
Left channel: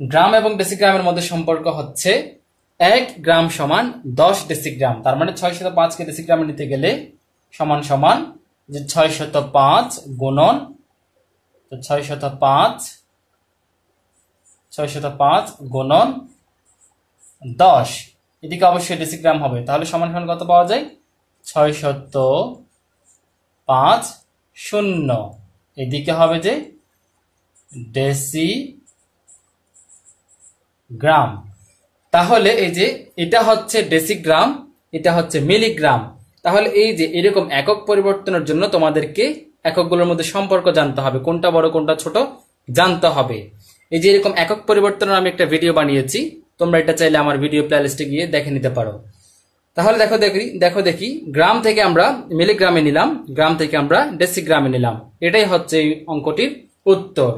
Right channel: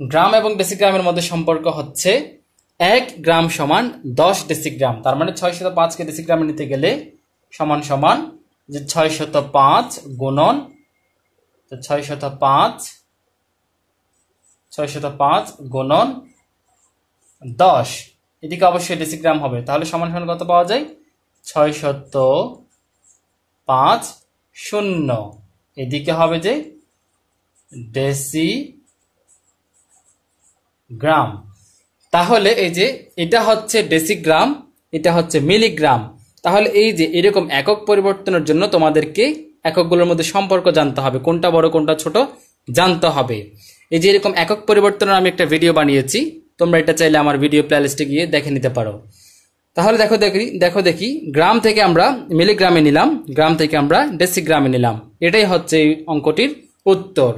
গ্রাম এবং ডেসিগ্রামের মধ্যে সম্পর্ক হচ্ছে 1 গ্রাম সমান 10 ডেসিগ্রাম। তার মানে 605 কে ডেসিগ্রামে নিতে গেলে সমান সমান যে 605 গুণন 605 গুণন 10, এদিকে অবশ্যই ডেসিগ্রাম হবে। তাহলে সমান সমান কত পাওয়া যায়, 605 শূন্য, এদিকে হবে যে ডেসিগ্রাম। তাহলে এই যে এটা হচ্ছে ডেসিগ্রাম, এটা হচ্ছে মিলিগ্রাম। তাহলে এই যে এরকম একক পরিবর্তনের জন্য তোমাদেরকে এককগুলোর মধ্যে সম্পর্ক জানতে হবে, কোনটা বড় কোনটা ছোট জানতে হবে। এই যে এরকম একক পরিবর্তনের আমি একটা ভিডিও বানিয়েছি, তোমরা এটা চাইলে আমার ভিডিও প্লেলিস্টে গিয়ে দেখে নিতে পারো। তাহলে দেখো দেখি, গ্রাম থেকে আমরা মিলিগ্রামে নিলাম, গ্রাম থেকে আমরা ডেসিগ্রামে নিলাম, এটাই হচ্ছে এই অঙ্কটির উত্তর।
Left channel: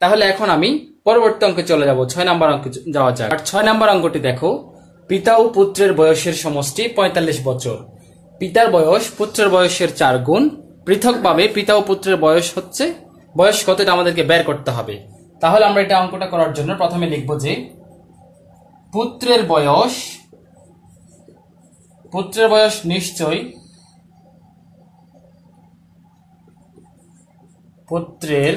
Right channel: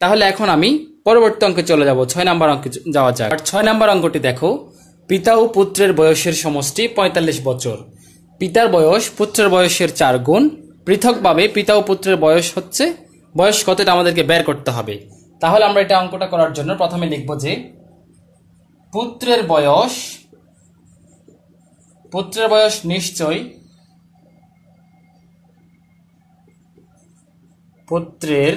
তাহলে এখন আমি পরবর্তী অঙ্কে চলে যাব, 6 নম্বর অঙ্কে যাওয়া যাক। আর 6 নম্বর অঙ্কটি দেখো, পিতা ও পুত্রের বয়সের সমষ্টি 45 বছর। পিতার বয়স পুত্রের বয়সের 4 গুণ। পৃথকভাবে পিতা ও পুত্রের বয়স হচ্ছে, বয়স কত এটা আমাদেরকে বের করতে হবে। তাহলে আমরা এটা অঙ্কটা করার জন্য প্রথমে লিখব যে পুত্রের বয়স নিশ্চয় পুত্রের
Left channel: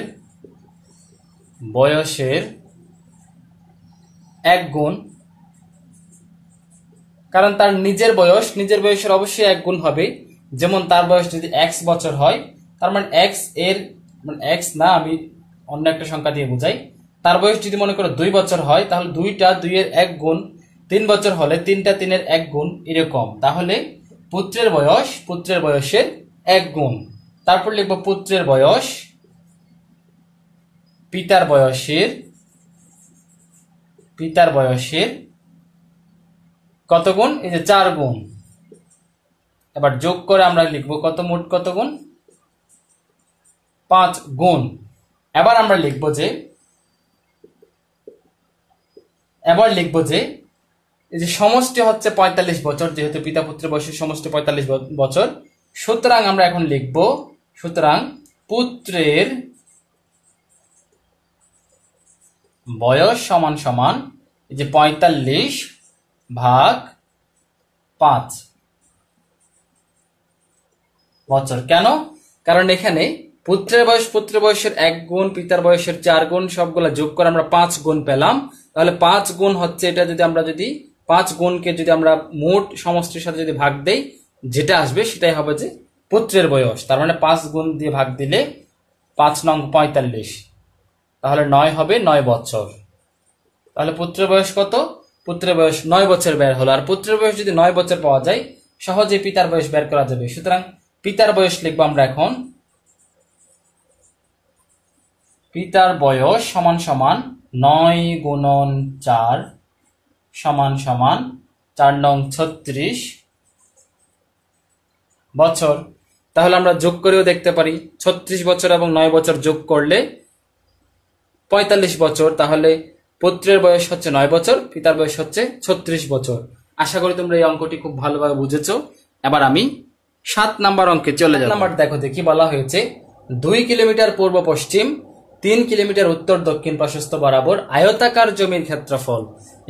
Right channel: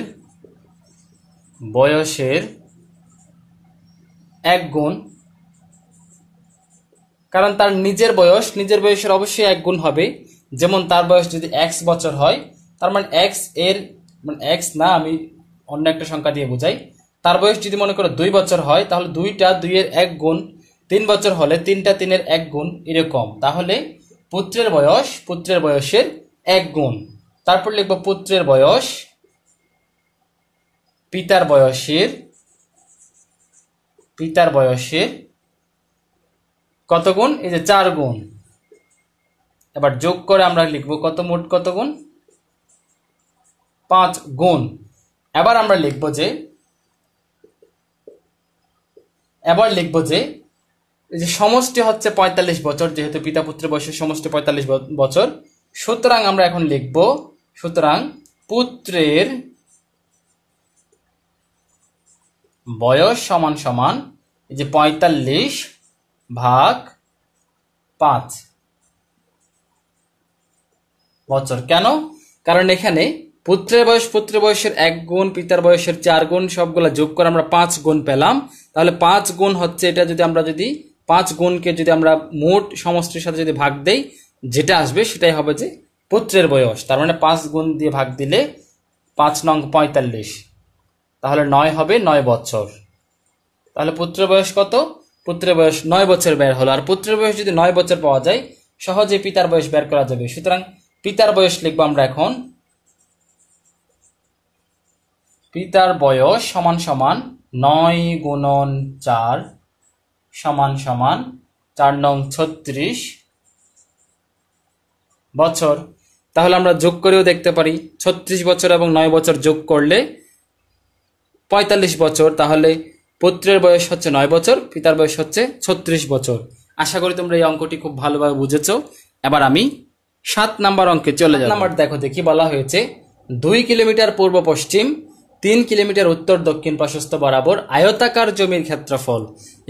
বয়সের 1 গুণ, কারণ তার নিজের বয়সের অবশ্যই 1 গুণ হবে। যেমন তার বয়স যদি x বছর হয়, তার মানে x এর মানে x না, আমি অন্য একটা সংখ্যা দিয়ে বোঝাই। তার বয়স যদি মনে করো 2 বছর হয় তাহলে 2টা 2 এর 1 গুণ, 3 বছর হলে 3টা 3 এর 1 গুণ, এরকম। তাহলে পুত্রের বয়সের 1 গুণ। তারপর লিখব পুত্রের বয়স পিতার বয়সের কত গুণ, এই যে 4 গুণ। এবার যোগ করে আমরা লিখব কত, মোট কত গুণ, 5 গুণ। এবার আমরা লিখব যে এই যে সমষ্টি হচ্ছে 45 বছর, যেহেতু পিতা পুত্রের বয়সের সমষ্টি 45 বছর। সুতরাং আমরা এখন লিখব, সুতরাং পুত্রের বয়স সমান সমান এই যে 45 ভাগ 5 বছর। কেন, কারণ এখানে পুত্রের বয়সের 1 গুণ, পিতার বয়সের 4 গুণ, সবগুলা যোগ করে আমরা 5 গুণ পেলাম। তাহলে 5 গুণ হচ্ছে এটা, যদি আমরা 5 গুণকে যদি আমরা মোট সমষ্টির সাথে যদি ভাগ দেই, যেটা আসবে সেটাই হবে যে পুত্রের বয়স। তার মানে 5 গুণ দিয়ে ভাগ দিলে 5 নং 45, তাহলে 9 হবে, 9 বছর। তাহলে পুত্রের বয়স কত, পুত্রের বয়স 9 বছর বের হলো। আর পুত্রের বয়স যদি 9 বছর পাওয়া যায়, সহজে পিতার বয়স বের করা যাবে। সুতরাং পিতার বয়স লিখবো আমরা এখন, পিতার বয়স সমান সমান 9 গুণন 4 সমান সমান 4 নং 36 বছর। তাহলে আমরা যোগ করেও দেখতে পারি, 36 বছর এবং 9 বছর যোগ করলে 45 বছর। তাহলে পুত্রের বয়স হচ্ছে 9 বছর, পিতার বয়স হচ্ছে 36 বছর। আশা করি তোমরা এই অঙ্কটি খুব ভালোভাবে বুঝেছো। এবার আমি 7 নাম্বার অঙ্কে চলে যাব। নাম্বার দেখো দেখি বলা হয়েছে 2 কিলোমিটার পূর্ব পশ্চিম 3 কিলোমিটার উত্তর দক্ষিণ প্রশস্ত বরাবর আয়তাকার জমির ক্ষেত্রফল।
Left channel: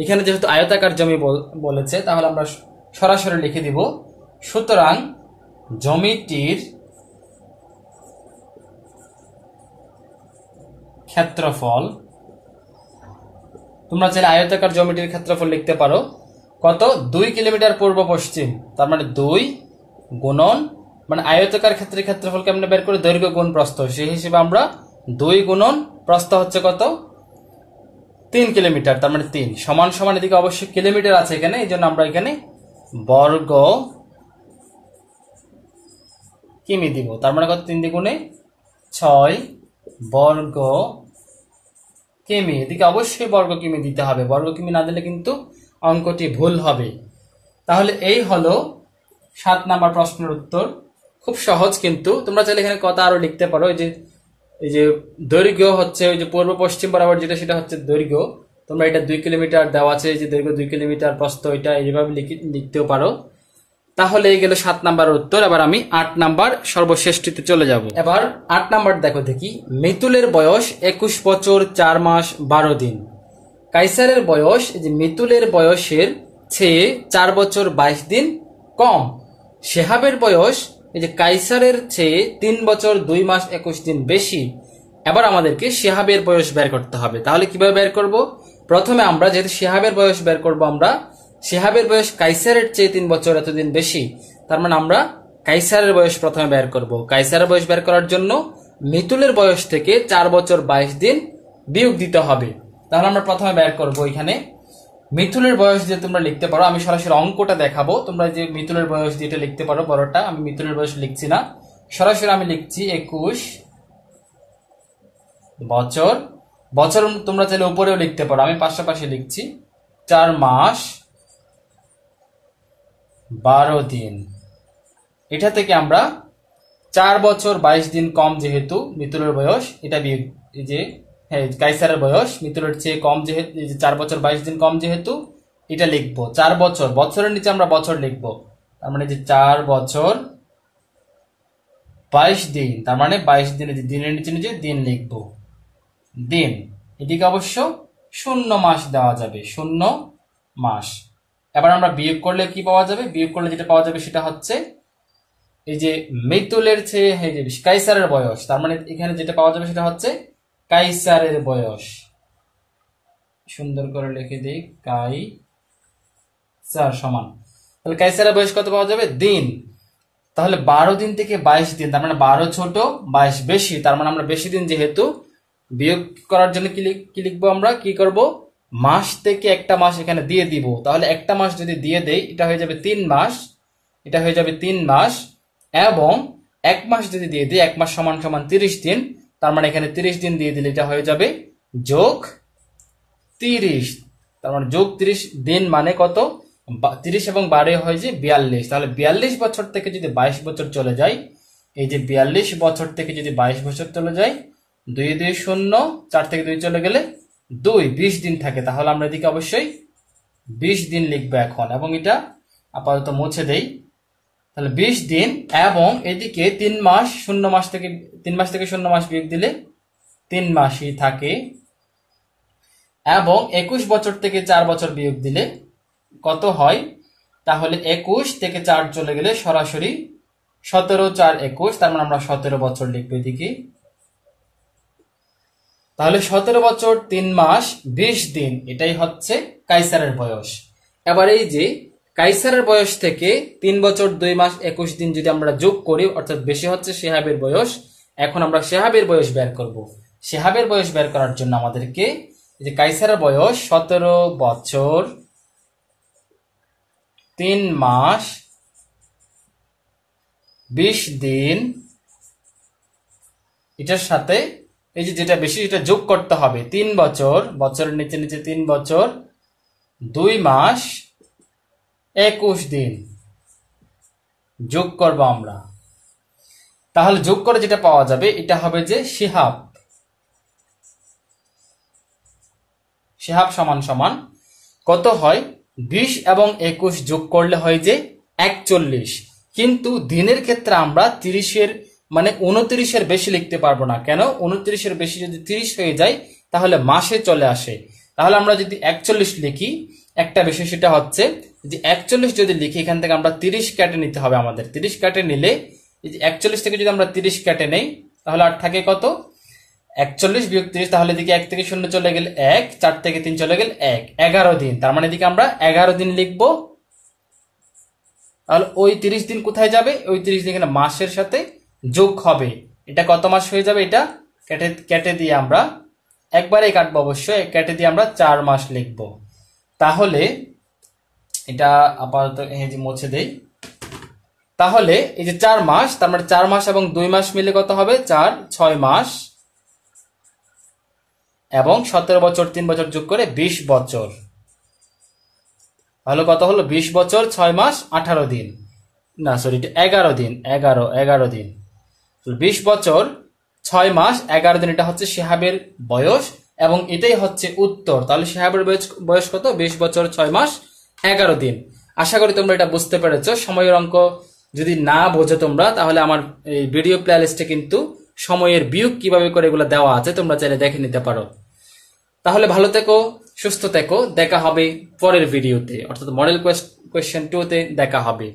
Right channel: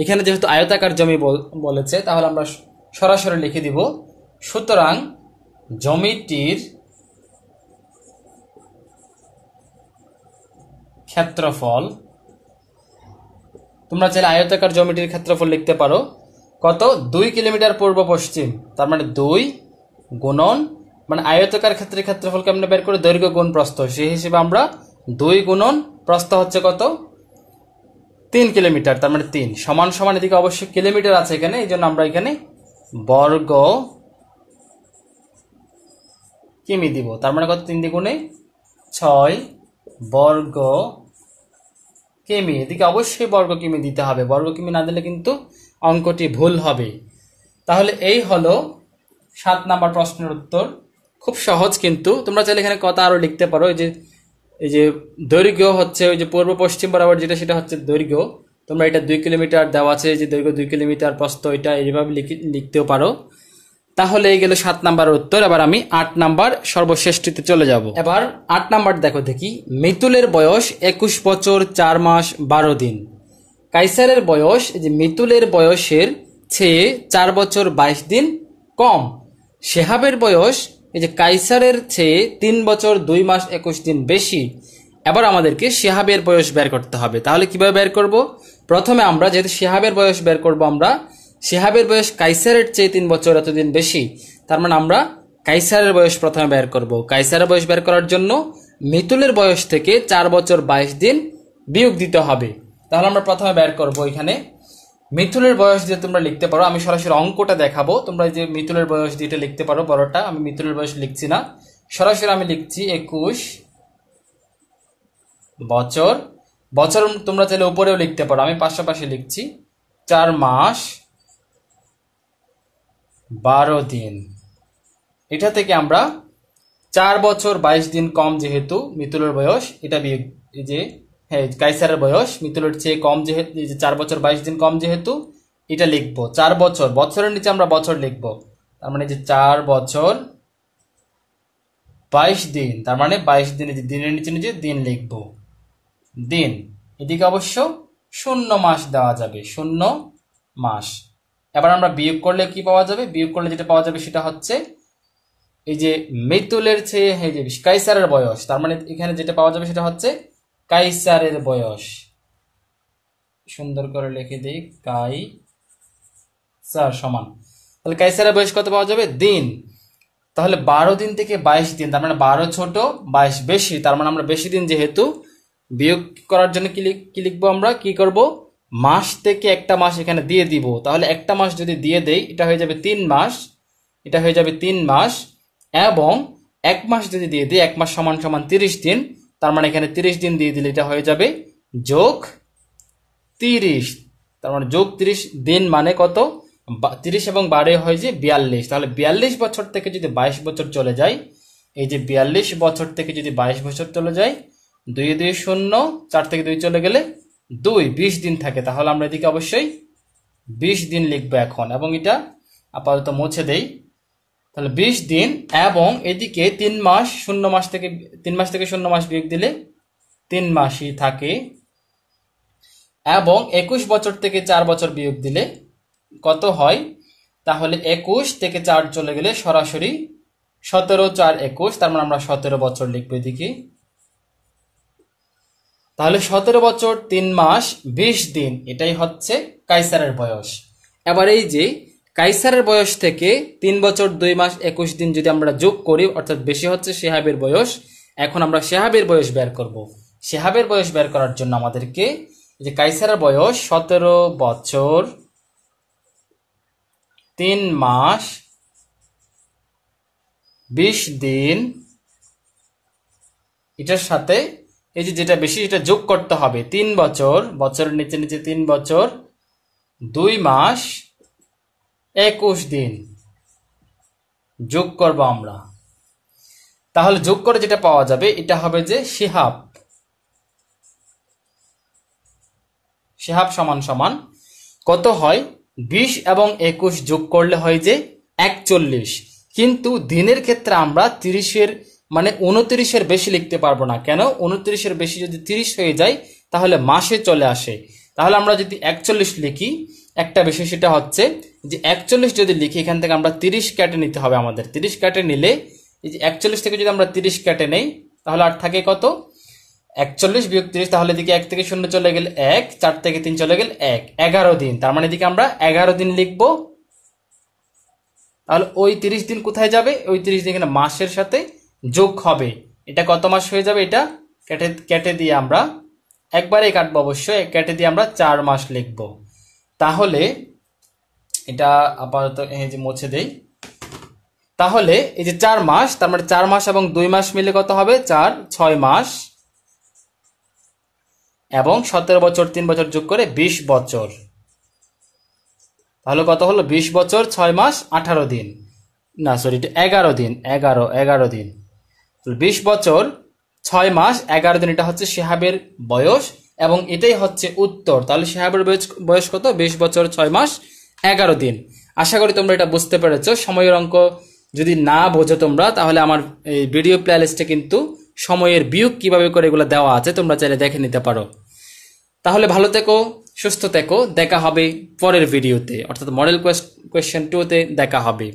এখানে যেহেতু আয়তাকার জমি বলেছে তাহলে আমরা সরাসরি লিখে দিব, সুতরাং জমিটির ক্ষেত্রফল, তোমরা চাইলে আয়তাকার জমিটির ক্ষেত্রফল লিখতে পারো কত, 2 কিলোমিটার পূর্ব পশ্চিম, তার মানে 2 গুণন, মানে আয়তাকার ক্ষেত্রের ক্ষেত্রফল কেমনে বের করে, দৈর্ঘ্য গুণ প্রস্থ, সেই হিসেবে আমরা 2 গুণন প্রস্থ হচ্ছে কত, 3 কিলোমিটার, তার মানে 3 সমান সমান, এদিকে অবশ্যই কিলোমিটার আছে এখানে, এই জন্য আমরা এখানে বর্গ কিমি দিব, তার মানে কত, 3 দ্বিগুণে 6 বর্গ কিমি। এদিকে অবশ্যই বর্গ কিমি দিতে হবে, বর্গ কিমি না দিলে কিন্তু অঙ্কটি ভুল হবে। তাহলে এই হলো 7 নাম্বার প্রশ্নের উত্তর। খুব সহজ, কিন্তু তোমরা চাইলে এখানে কথা আরো লিখতে পারো। এই যে দৈর্ঘ্য হচ্ছে ওই যে পূর্ব পশ্চিম বরাবর যেটা, সেটা হচ্ছে দৈর্ঘ্য, তোমরা এটা 2 কিলোমিটার দেওয়া আছে, যে দৈর্ঘ্য 2 কিলোমিটার, প্রস্থ এটা এইভাবে লিখতেও পারো। তাহলে এই গেল 7 নাম্বার উত্তর। এবার আমি 8 নাম্বার সর্বশ্রেষ্ঠতে চলে যাব। এবার 8 নাম্বার দেখো দেখি, মিতুলের বয়স 21 বছর 4 মাস 12 দিন। কাইসারের বয়স, এই যে মিতুলের বয়সের চেয়ে 4 বছর 22 দিন কম। শেহাবের বয়স, এই যে কাইসারের চেয়ে 3 বছর 2 মাস 21 দিন বেশি। এবার আমাদেরকে শেহাবের বয়স বের করতে হবে। তাহলে কিভাবে বের করব? প্রথমে আমরা যেহেতু শেহাবের বয়স বের করব, আমরা শেহাবের বয়স কাইসারের চেয়ে 3 বছর এতদিন বেশি, তার মানে আমরা কাইসারের বয়স প্রথমে বের করব। কাইসারের বয়স বের করার জন্য মিতুলের বয়স থেকে 4 বছর 22 দিন বিয়োগ দিতে হবে। তাহলে আমরা প্রথমে বের করব এখানে মিতুলের বয়স দিয়ে তোমরা লিখতে পারো, আমি সরাসরি অঙ্কটা দেখাবো, তোমরা যে মিতুলের বয়স দিয়ে এটা লিখতে পারো বড়টা, আমি মিতুলের বয়স লিখছি না, সরাসরি আমি লিখছি 21 বছর। বছর তোমরা চাইলে উপরেও লিখতে পারো, আমি পাশাপাশি লিখছি 4 মাস 12 দিন। এটা থেকে আমরা 4 বছর 22 দিন কম যেহেতু মিতুলের বয়স, এটা বিয়োগ, যে হ্যাঁ কাইসারের বয়স মিতুলের চেয়ে কম যেহেতু, 4 বছর 22 দিন কম যেহেতু এটা লিখবো 4 বছর, বছরের নিচে আমরা বছর লিখবো, তার মানে যে 4 বছর 22 দিন, তার মানে 22 দিনে যে দিনের নিচে নিচে দিন লিখবো, দিন। এদিকে অবশ্য 0 মাস দেওয়া যাবে, 0 মাস। এবার আমরা বিয়োগ করলে কি পাওয়া যাবে? বিয়োগ করলে যেটা পাওয়া যাবে সেটা হচ্ছে এই যে মিতুলের চেয়ে কাইসারের বয়স, তার মানে এখানে যেটা পাওয়া যাবে সেটা হচ্ছে কাইসারের বয়স। সুন্দর করে লিখে দিই, কাইসার সমান, তাহলে কাইসারের বয়স কত পাওয়া যাবে? দিন। তাহলে 12 দিন থেকে 22 দিন, তার মানে 12 ছোট 22 বেশি, তার মানে আমরা বেশি দিন যেহেতু, বিয়োগ করার জন্য কি লিখবো, আমরা কি করব, মাস থেকে একটা মাস এখানে দিয়ে দিব। তাহলে একটা মাস যদি দিয়ে দেই, এটা হয়ে যাবে 3 মাস, এটা হয়ে যাবে 3 মাস, এবং 1 মাস যদি দিয়ে দিই, 1 মাস সমান সমান 30 দিন, তার মানে এখানে 30 দিন দিয়ে দিলে এটা হয়ে যাবে যোগ 30, তার মানে যোগ 30 দিন মানে কত, 30 এবং 12 হয় যে 42। তাহলে 42 বছর থেকে যদি 22 বছর চলে যায়, এই যে 42 বছর থেকে যদি 22 বছর চলে যায়, 2 2 0, 4 থেকে 2 চলে গেলে 2, 20 দিন থাকে। তাহলে আমরা এদিকে অবশ্যই 20 দিন লিখবো এখন, এবং এটা আপাতত মুছে দেই। তাহলে 20 দিন, এবং এদিকে 3 মাস, 0 মাস থেকে 3 মাস থেকে 0 মাস বিয়োগ দিলে 3 মাসই থাকে, এবং 21 বছর থেকে 4 বছর বিয়োগ দিলে কত হয়? তাহলে 21 থেকে 4 চলে গেলে সরাসরি 17, 4 21, তার মানে আমরা 17 বছর লিখবো এদিকে। তাহলে 17 বছর 3 মাস 20 দিন, এটাই হচ্ছে কাইসারের বয়স। এবার এই যে কাইসারের বয়স থেকে 3 বছর 2 মাস 21 দিন যদি আমরা যোগ করি, অর্থাৎ বেশি হচ্ছে শেহাবের বয়স। এখন আমরা শেহাবের বয়স বের করব। শেহাবের বয়স বের করার জন্য আমাদেরকে যে কাইসারের বয়স 17 বছর 3 মাস 20 দিন, এটার সাথে এই যে যেটা বেশি সেটা যোগ করতে হবে। 3 বছর, বছরের নিচে নিচে 3 বছর 2 মাস 21 দিন যোগ করব আমরা। তাহলে যোগ করে যেটা পাওয়া যাবে এটা হবে যে শিহাব। শিহাব সমান সমান কত হয়? 20 এবং 21 যোগ করলে হয় যে 41। কিন্তু দিনের ক্ষেত্রে আমরা 30-এর মানে 29-এর বেশি লিখতে পারবো না। কেন? 29-এর বেশি যদি 30 হয়ে যায় তাহলে মাসে চলে আসে। তাহলে আমরা যদি 41 লিখি, একটা বিষয় সেটা হচ্ছে যে 41 যদি লিখি এখান থেকে আমরা 30 কেটে নিতে হবে আমাদের। 30 কেটে নিলে এই যে 41 থেকে যদি আমরা 30 কেটে নেই তাহলে আর থাকে কত? 41 বিয়োগ 30, তাহলে এদিকে 1 থেকে 0 চলে গেলে 1, 4 থেকে 3 চলে গেলে 1, 11 দিন। তার মানে এদিকে আমরা 11 দিন লিখবো। তাহলে ওই 30 দিন কোথায় যাবে? ওই 30 দিন এখানে মাসের সাথে যোগ হবে। এটা কত মাস হয়ে যাবে? এটা কেটে দিয়ে আমরা একবারে কাটবো, অবশ্যই কেটে দিয়ে আমরা 4 মাস লিখবো। তাহলে এটা আপাতত এই যে মুছে দেই। তাহলে এই যে 4 মাস, তার মানে 4 মাস এবং 2 মাস মিলে কত হবে? 4, 6 মাস এবং 17 বছর 3 বছর যোগ করে 20 বছর। তাহলে কত হলো? 20 বছর 6 মাস 18 দিন, না সরি 11 দিন, 11 দিন। 20 বছর 6 মাস 11 দিন, এটা হচ্ছে শিহাবের বয়স এবং এটাই হচ্ছে উত্তর। তাহলে শিহাবের বয়স কত? 20 বছর 6 মাস 11 দিন। আশা করি তোমরা এটা বুঝতে পেরেছো। সময়ের অঙ্ক যদি না বোঝো তোমরা, তাহলে আমার এই ভিডিও প্লেলিস্টে কিন্তু সময়ের বিয়োগ কিভাবে করে এগুলো দেওয়া আছে, তোমরা চাইলে দেখে নিতে পারো। তাহলে ভালো থেকো, সুস্থ থেকো, দেখা হবে পরের ভিডিওতে, অর্থাৎ মডেল কোয়েশ্চেন 2 তে দেখা হবে।